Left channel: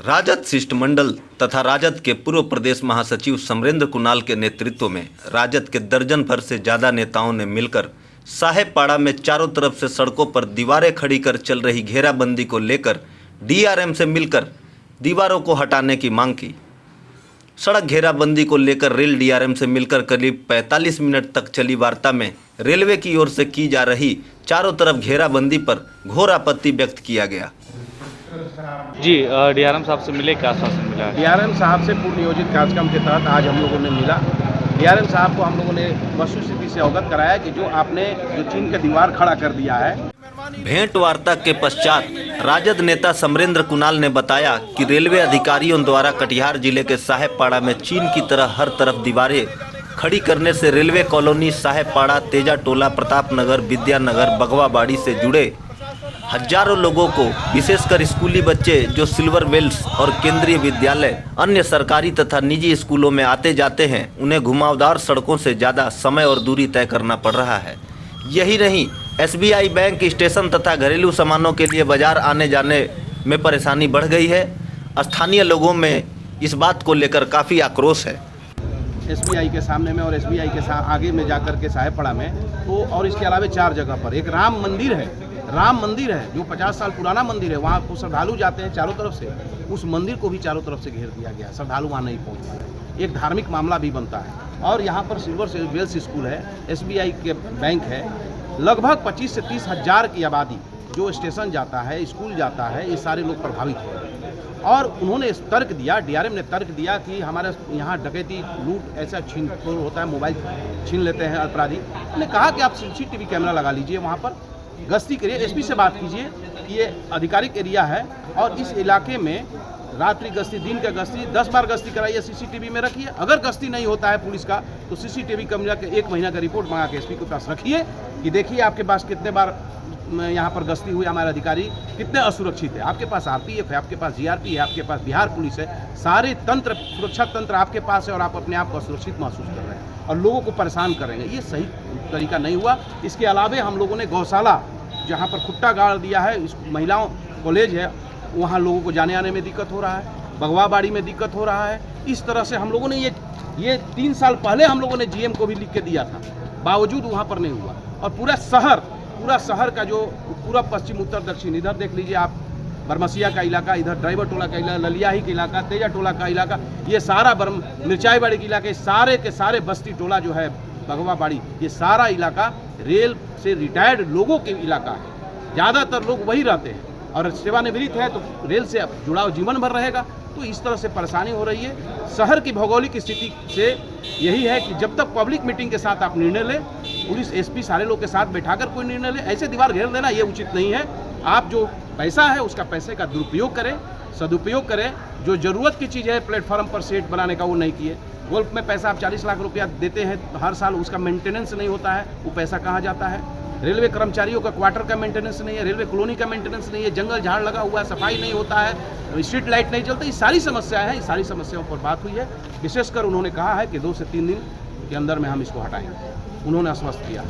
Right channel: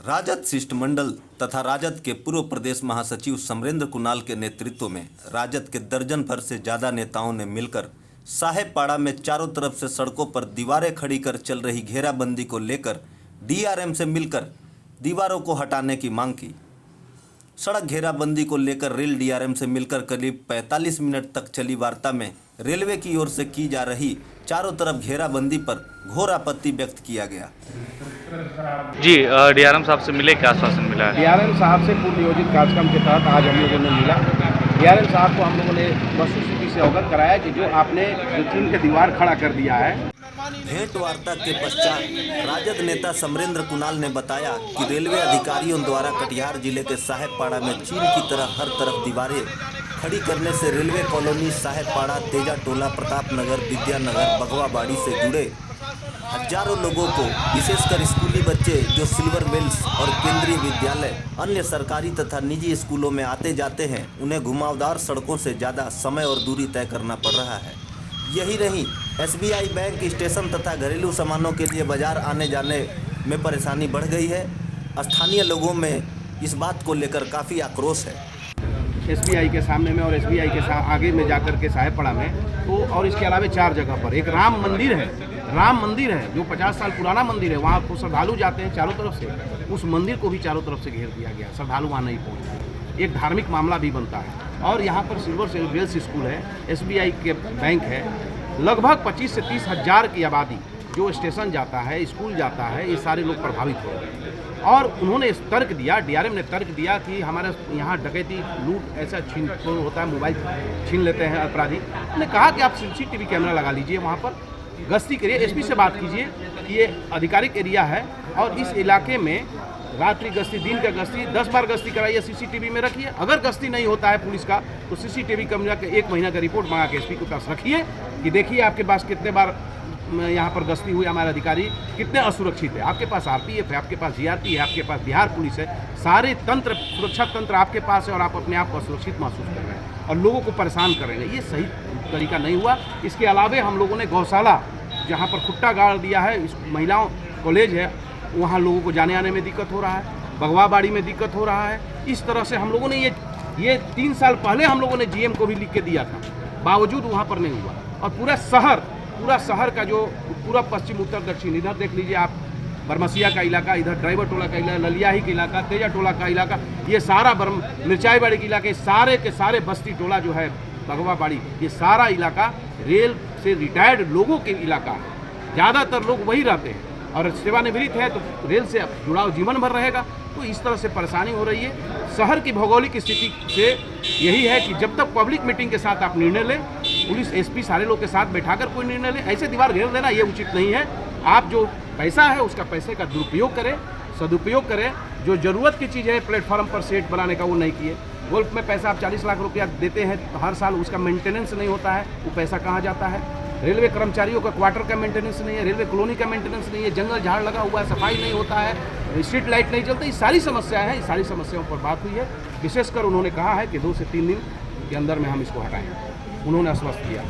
राजद शिष्टमंडल तथा राजद के पूर्व प्रदेश महासचिव समरेंद्र कुणाल के नेतृत्व में राजद के दर्जन भर से ज़्यादा नेताओं ने मिलकर साहेबपाड़ा में चारों तरफ से सड़कों पर दीवारें खड़ी कर चल रही घेराबंदी को लेकर डीआरएम से मिलकर दीवारों को हटाने की मांग की। सड़क घेराबंदी को लेकर रेल डीआरएम से मिलकर करीब 45 मिनट तक चली वार्ता में रेलवे की ओर से की जा रही चारों तरफ घेराबंदी पर घोर आपत्ति व्यक्त किया गया। जी, डीआरएम साहब से मिले, क्या आश्वासन मिला है? डीआरएम साहब से पूर्व नियोजित कार्यक्रम के तहत आज हम लोगों ने मिला। डीआरएम साहब को हम लोगों ने वस्तुस्थिति से अवगत कराया कि जो आपने जो चीन के दीवार खड़ा कर दिया है। भेंट वार्ता के पश्चात राजद नेता समरेंद्र कुणाल ने बताया कि रेलवे अधिकारियों द्वारा कटिहार जिले के साहेबपाड़ा में चीन की तरह हर तरफ दीवारें खड़ी करने से रेलवे कॉलोनी साहेबपाड़ा, तेजा टोला, प्रताप नगर, विद्यानगर, बगवाबाड़ी से जुड़े हजारों लोगों को, विशेषकर स्कूली बच्चे जो सिल्वर वेल्स और केंद्रीय विद्यालय, अन्य सरकारी तथा निजी स्कूलों में आते जाते हैं, उन्हें घुमावदार सड़कों से ज़्यादा समय और दूरी तय करना पड़ रहा है। यही नहीं, एसबीआई बैंक स्टेशन तथा घरेलू सामानों के लिए बाजार आने जाने में परेशानी बढ़ गई है। स्थानीय लोगों में इस बात को लेकर काफ़ी आक्रोश है। एसबीआई के सामने में और एसबीआई के आगे में जाकर के साहेबपाड़ा में तो, और इसके अलावा 4 जगह पर एक राम मंदिर है जो 50 साल पुराना मंदिर है। वहाँ को श्रद्धालु जाते हैं चारों तरफ से, उस मंदिर को भी चारों तरफ से घेर दिया गया, श्रद्धालु वहाँ नहीं पहुँचता। एक धार्मिक मामला भी बनता है। और यहाँ पर सिल्वर वेल्स स्कूल है, एसबीआई के बैंक है। लगभग 25 से 30 हज़ार की आबादी जो स्टेशन जाता है, स्कूल जाता है, ये सारे लोग प्रभावित हो रहे हैं। और उन्होंने तर्क दिया, डीआरएम ने तर्क दिया कि हमारे यहाँ डकैती, लूट ऐसा छीन होता है, मोबाइल छीन लेते हैं अपराधी। उन्होंने कहा कि आप सीसीटीवी कैमरा लगा लीजिए, वहाँ पर गश्ती करिए, एसपी से बात कीजिए कि ये आधिकारिक एरिया है और इस इलाके में रात्रि गश्ती, दिन का गश्ती 10 बार गश्ती कराइए, सीसीटीवी में रखिए। अगर गश्ती नहीं होता है पुलिस का तो सीसीटीवी कैमरा के 1 महीना का रिपोर्ट मंगा के एसपी के पास रखिए कि देखिए आपके पास कितने बार यहाँ पर गश्ती हुई, हमारे अधिकारी कितने असुरक्षित है। आपके पास आरपीएफ है, आपके पास जीआरपी है, आपके पास बिहार पुलिस है, सारे तंत्र, सुरक्षा तंत्र आपके पास है और आप अपने आप को असुरक्षित महसूस कर रहे हैं और लोगों को परेशान करेंगे। ये सही तरीका नहीं हुआ। इसके अलावा हम लोगों ने गौशाला जहाँ पर खुट्टा गाड़ दिया है, इस महिलाओं कॉलेज है, वहाँ लोगों को जाने आने में दिक्कत हो रहा है, बगवाबाड़ी में दिक्कत हो रहा है। इस तरह से हम लोगों ने ये 3 साल पहले हम लोगों ने जीएम को भी लिख के दिया था, बावजूद वहाँ पर नहीं हुआ। और पूरा शहर का जो पूरा पश्चिम, उत्तर, दक्षिण, इधर देख लीजिए आप, बरमसिया का इलाका, इधर ड्राइवर टोला का इलाका, ललियाही का इलाका, तेजा टोला का इलाका, ये सारा मिर्चाईबाड़ी के इलाके, सारे के सारे बस्ती टोला जो है, बगवाबाड़ी, ये सारा इलाका रेल से रिटायर्ड लोगों के इलाका है। ज़्यादातर लोग वही रहते हैं और सेवानिवृत्त है तो रेल से जुड़ाव जीवन भर रहेगा। तो इस तरह से परेशानी हो रही है। शहर की भौगोलिक स्थिति से यही है कि जब तक पब्लिक मीटिंग के साथ आप निर्णय लें, पुलिस, एसपी सारे लोग के साथ बैठाकर कोई निर्णय लें, ऐसे दीवार घेर देना ये उचित नहीं है। आप जो पैसा है उसका पैसे का दुरुपयोग करें, सदुपयोग करें। जो ज़रूरत की चीज़ है प्लेटफॉर्म पर सेट बनाने का, वो नहीं किए। गोल्फ में पैसा आप 40 लाख रुपया देते हैं तो हर साल उसका मेंटेनेंस नहीं होता है, वो पैसा कहाँ जाता है? रेलवे कर्मचारियों का क्वार्टर का मेंटेनेंस नहीं है, रेलवे कॉलोनी का मेंटेनेंस नहीं है, जंगल झाड़ लगा हुआ है, सफाई नहीं होता है, स्ट्रीट लाइट नहीं चलता। ये सारी समस्याएं हैं, ये सारी समस्याओं पर बात हुई है। विशेषकर उन्होंने कहा है कि 2 से 3 दिन के अंदर में हम इसको हटाएंगे, उन्होंने आश्वस्त किया।